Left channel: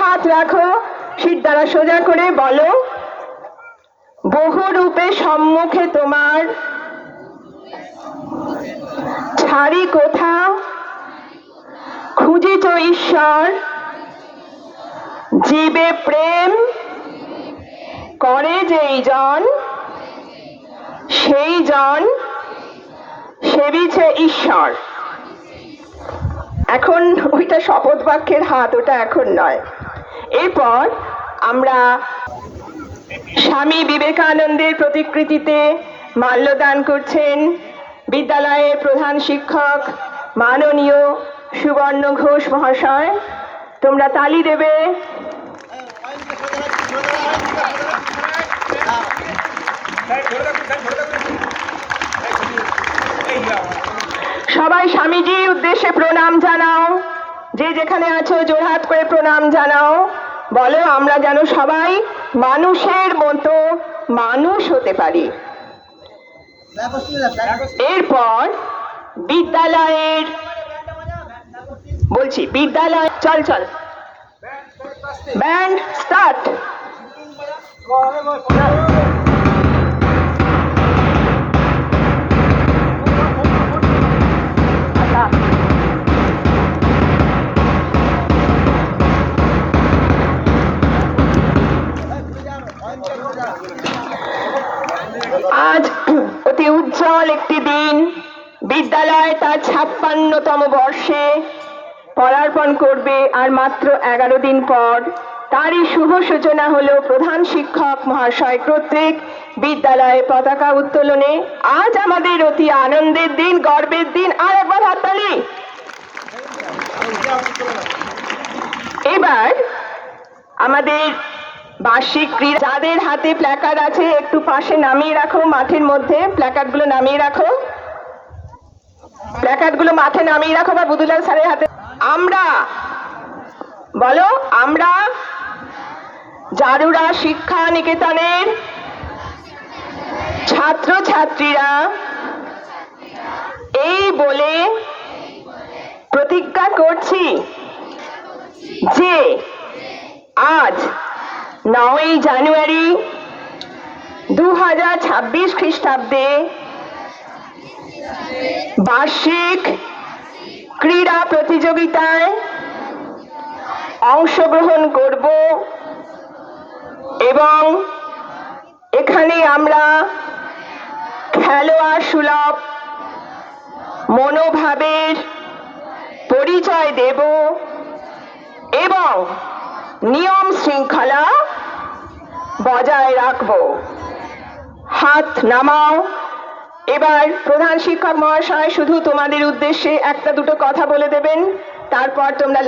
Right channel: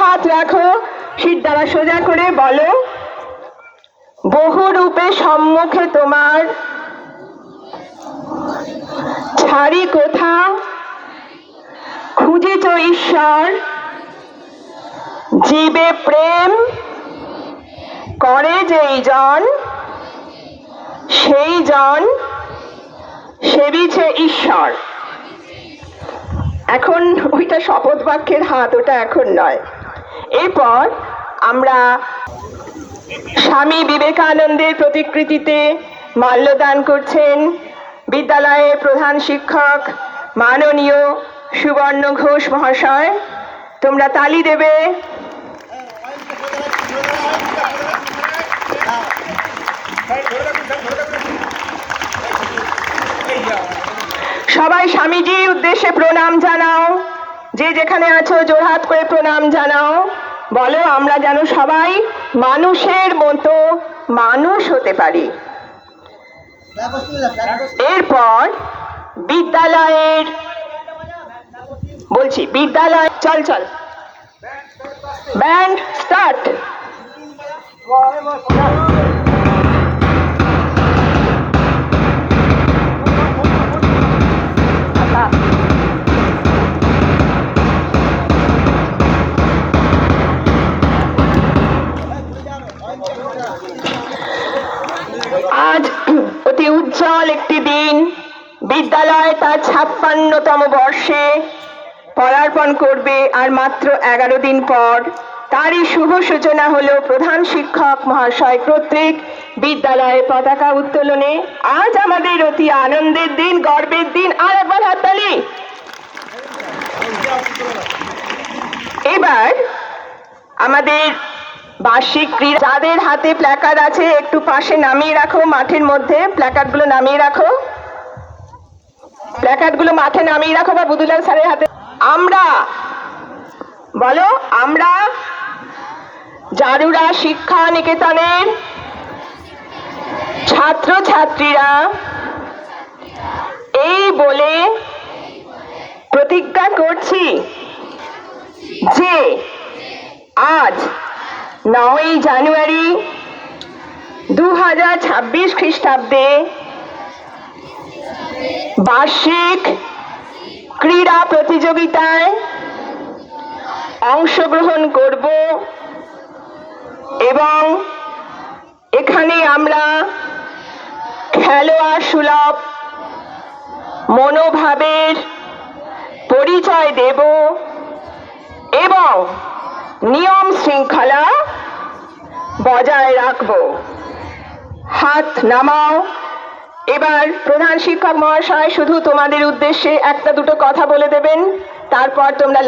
হাত রাখো, শিরদাঁড়া সোজা করে বলো, বহু রূপে সম্মুখে তোমার ছাড়ি কোথা, খুঁজিছ ঈশ্বর, জীবে প্রেম করে যেই জন, সেই জন সেবিছে ঈশ্বর। এখন ওইটা শপথ বাক্যের হাত, ওটা এখন নয়। এরপর আমরা স্বামী বিবেকানন্দের প্রতিকৃতিতে মাল্যদান করছেন বিদ্যালয়ের প্রধান শিক্ষক মাননীয় সুবর্ণ ঘোষ মহাশয়। তোমরা তালি দেবে। সবাই স্বামীজির উদ্দেশ্যে প্রণাম জানাও, যে যেখানে আছো জোরহাত করে প্রণাম জানাও। বলো আমরা যেন সবাই মানুষের মতো মানুষ হতে পারি। এরপর বিদ্যালয়ের বলছি বিদ্যালয় চল চল ব্যান্ড স্টার্ট। আজ অতি উজ্জ্বল একটি দিন, বিদ্যালয় তার ৫৬তম বর্ষে পদার্পণ করবে। আর মাত্র ১১ দিন পর তারই শুভ সূচনা হলো প্রধান শিক্ষক মহাশয় কর্তৃক বিদ্যালয়ে পতাকা উত্তোলনে। আজ আমাদের অতি আনন্দের দিন, গর্বের দিন। আর একবার হাততালি। এবার আমাদের বার্ষিক ক্রীড়া, যাদের হাতে প্ল্যাকার্ড আছে একটু পাশে নামিয়ে রাখো, মাঠের মধ্যে প্ল্যাকার্ডগুলো নামিয়ে রাখো, প্ল্যাকার্ডগুলো মাঠে নামিয়ে রাখো বা বুদুলাল স্যারের হাতে। আমরা বলো, আমরা জারুরা শিক্ষা নিকেতনের ছাত্র ছাত্রীরা এই বলে প্রতিজ্ঞা করছি যে আজ ৯ই জানুয়ারি ২০২৬ খ্রিস্টাব্দে বার্ষিক ক্রীড়া প্রতিযোগিতায় অংশগ্রহণ করব এবং এখানে আমরা খেলোয়াড় সুলভ মনোভাবের পরিচয় দেব এবং নিয়ম শৃঙ্খলা বজায় রাখব। হাত নামাও। এবার প্রধান শিক্ষক মহাশয় শুধু তোমাদের উদ্দেশ্যে একটা দুটো কথা বলে দেবেন, তারপর তোমরা